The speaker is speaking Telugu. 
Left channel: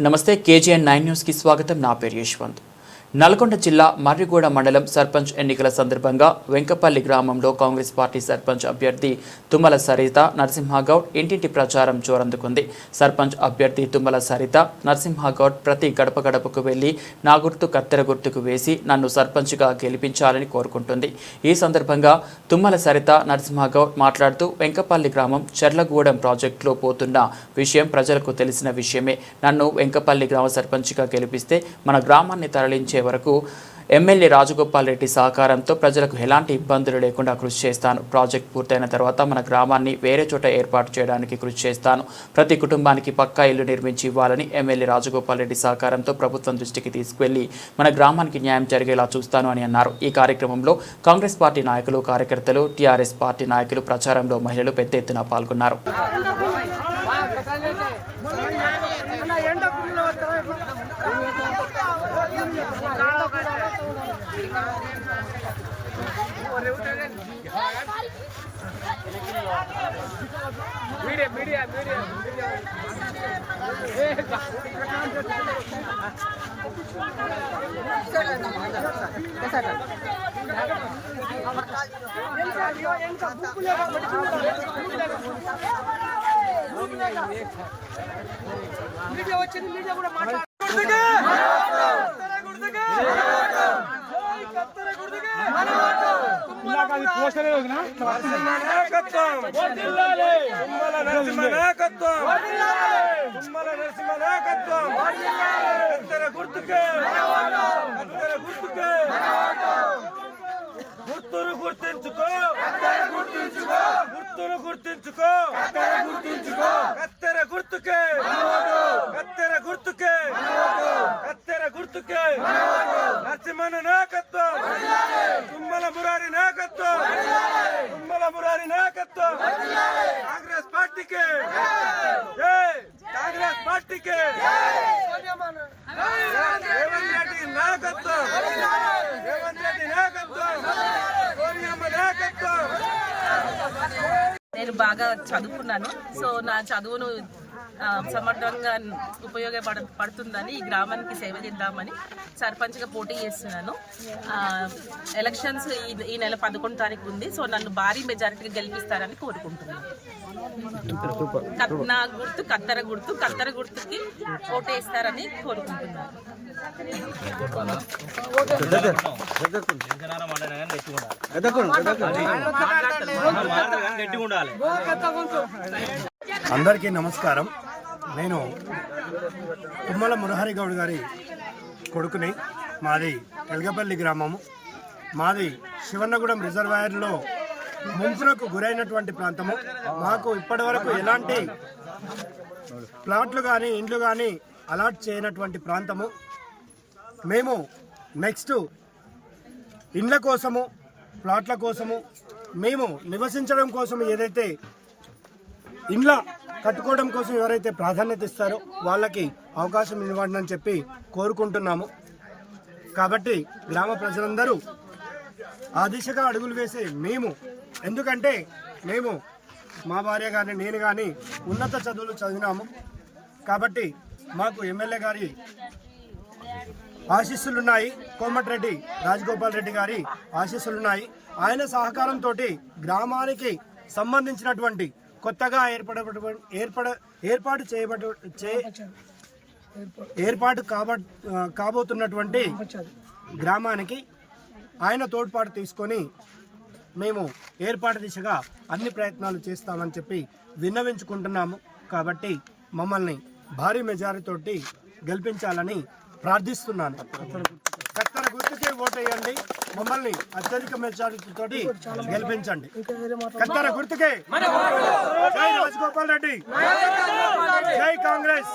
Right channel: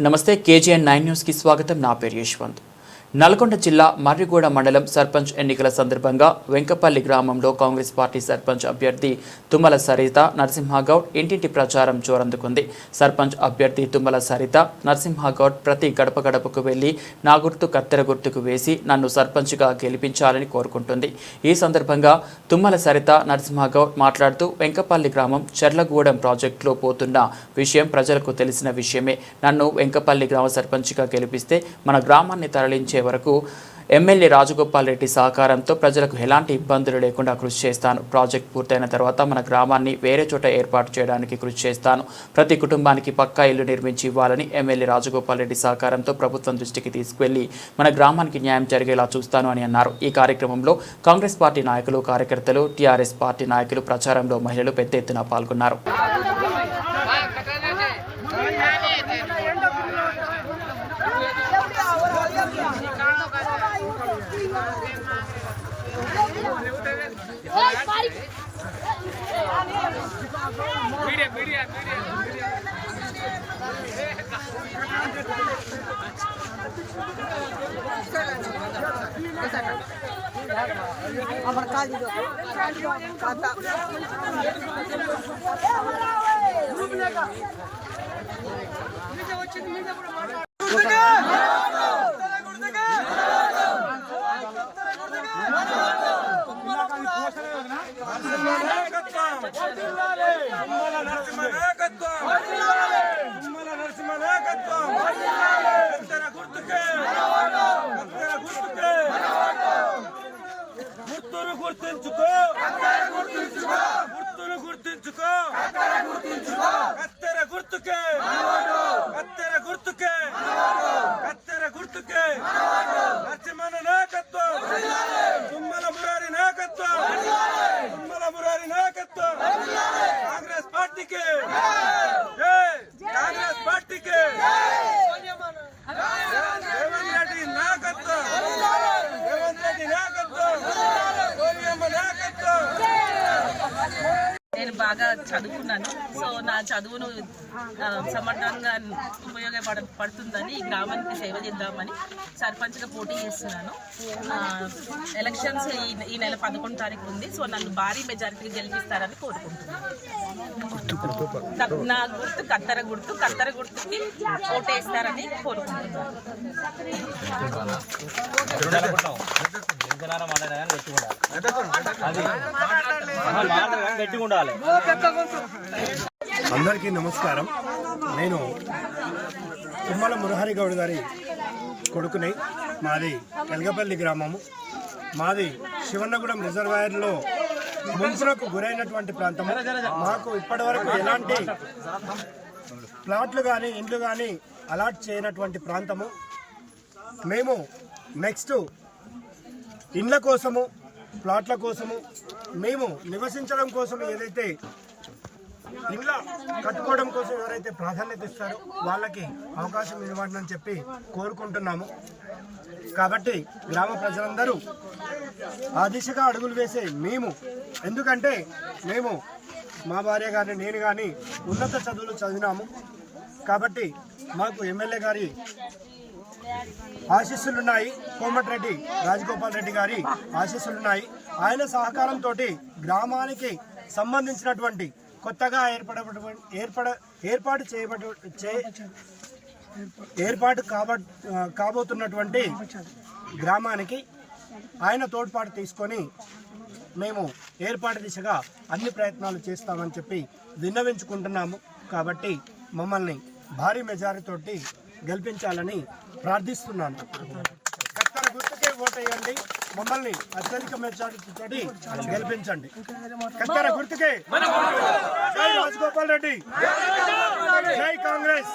నమస్తే కేజీఎన్ నైన్ న్యూస్కి స్వాగతం. నా పేరు యశ్వంత్. నల్గొండ జిల్లా మర్రిగూడ మండలం సర్పంచ్ ఎన్నికల సందర్భంగా వెంకపల్లి గ్రామంలో కాంగ్రెస్ పార్టీ సర్పంచ్ అభ్యర్థి తుమ్మల సరిత నరసింహగౌడ్ ఇంటింటి ప్రచారం జోరందుకుంది. సర్పంచ్ అభ్యర్థి తుమ్మల సరిత నరసింహగౌడ్ ప్రతి గడప గడపకు వెళ్ళి నా గుర్తు కత్తెర గుర్తుకు వేసి నన్ను సర్పంచ్గా గెలిపించాలని కోరుకుంటుంది. ఈ సందర్భంగా తుమ్మల సరిత నరసింహగౌడ్ మాట్లాడుతూ వెంకపల్లి గ్రామం చెర్లగూడెం ప్రాజెక్టులో పోతున్న విషయం ప్రజలకు తెలిసిన విషయమే. నన్ను వెంకపల్లి గ్రామ సర్పంచ్గా గెలిపిస్తే మన గ్రామాన్ని తరలించే వరకు ఎమ్మెల్యే రాజగోపాల్ రెడ్డి సహకారంతో ప్రజలకు ఎలాంటి ఇబ్బందులు లేకుండా కృషి చేస్తాను. ప్రాజెక్ట్ పూర్తయిన తర్వాత మన గ్రామాన్ని వేరే చోట ఏర్పాటు చేయడానికి కృషి చేస్తాను. ప్రతి కుటుంబానికి పక్కా ఇల్లు నిర్మించి ఇవ్వాలని ఎమ్మెల్యే రాజగోపాల్ రెడ్డి సహకారంతో ప్రభుత్వం దృష్టికి తీసుకువెళ్ళి మన గ్రామానికి న్యాయం జరిగేలా చూస్తాను అని అన్నారు. ఈ కార్యక్రమంలో కాంగ్రెస్ పార్టీ నాయకులు కార్యకర్తలు టీఆర్ఎస్ పార్టీ నాయకులు ప్రచారంలో మహిళలు పెద్ద ఎత్తున పాల్గొన్నారు. मीडिया मीडिया मीडिया कैसा గ్రూప్ లేక మీడియా వచ్చింది మీడియా కూడా మాట్లాడు తుమ్మల నరసింహ నాయకత్వం తుమ్మల నరసింహ నాయకత్వం కత్తెర గుర్తుకే కత్తెర గుర్తుకే గుర్తును గుర్తించుకో గుర్తును గుర్తించుకో కత్తెర గుర్తుకే కత్తెర గుర్తుకే కత్తెర గుర్తుకే నరసింహన నాయకత్వం తుమ్మల మురారి నాయకత్వం తుమ్మల మురారి నాయకత్వం కాంగ్రెస్ పార్టీకి. జై! కాంగ్రెస్ పార్టీకి. రేవంత్ రెడ్డి నాయకత్వం. రేవంత్ రెడ్డి నాయకత్వం. సోనియమ్మ నాయకత్వం. నేను బాగా చదువుకున్నాను. సో నా చదువును సమర్థంగా ఉపయోగపడ పడుతుందని ఈ గ్రామానికి సేవ చేద్దామని సర్పంచ్గా పోటీ చేస్తున్నాను. ఎలక్షన్స్ ఈ ఈ నెల పదకొండు తారీఖు ఉంది. సో నన్ను భారీ మెజారిటీగా గెలిపిస్తారని కోరుకుంటున్నాను. నా గుర్తు కత్తెర గుర్తు కత్తెర గుర్తుకి ఓటేస్తారని కోరుకుంటున్నాను. అందరికీ నమస్కారం. నేను తుమ్మల మురహరి గౌడ్ గారి కొడుకుని మాది ఎల్గపల్లి గ్రామము. మాది శివన్నగూడెం రిజర్వాయర్లో ముంపునకు గురైనటువంటి ప్రాంతము మాకు ఇప్పటివరకు ఎలాంటి ప్లాట్లు కానీ ఇండ్లు కానీ అలాట్ చేయనటువంటి ప్రాంతము. మేము నెక్స్ట్ ఇండ్ల కోసము ప్లాట్ల కోసము మేము నివసించడం కోసం ఏదైతే ఇండ్ల కట్టుకోవడం కోసం ఎవరైతే ప్రాధాన్యత ఇస్తారో వాళ్ళకి అవకాశం ఇవ్వండి అని చెప్పి కోరుకుంటున్నాము. కాబట్టి గ్రామ ప్రజలందరూ ఆ దిశగా అడుగులు వేసే మేము ఎందుకంటే మేము మా భార్య కానీ నేను కానీ ఉన్నత చదువులు చదివినాము. కాబట్టి మాకు ఎమ్మెల్యే గారి ఆశీస్సులున్నాయి. కోమటిరెడ్డి రాజగోపాల్ రెడ్డి గారి ఆశీస్సులున్నాయి. ఆయన సహకారంతో గ్రామానికి సంబంధించినటువంటి కొత్తగా ఏర్పడ ఏర్పడ ఏర్పాటు చేయబడ ఏర్పాటు కాబ కాబోతున్నటువంటి గ్రామానికి ఆయన తోడ్పాటు తీసుకొని మేము ఏర్పాటు దిశగా అన్ని ప్రయత్నాలు చేస్తామని చెప్పి విన్నవించుకుంటున్నాము. కాబట్టి మమ్మల్ని భారీ మెజారిటీతోటి గెలిపించాలని ప్రార్థిస్తున్నాను. కత్తెర గుర్తుకే ఓటేయండి. మమ్మల్ని అత్యధిక మెజారిటీతో గెలిపించండి. కత్తెర గుర్తుకే. జై రాజగోపాల్ రెడ్డి. జై కాంగ్రెస్.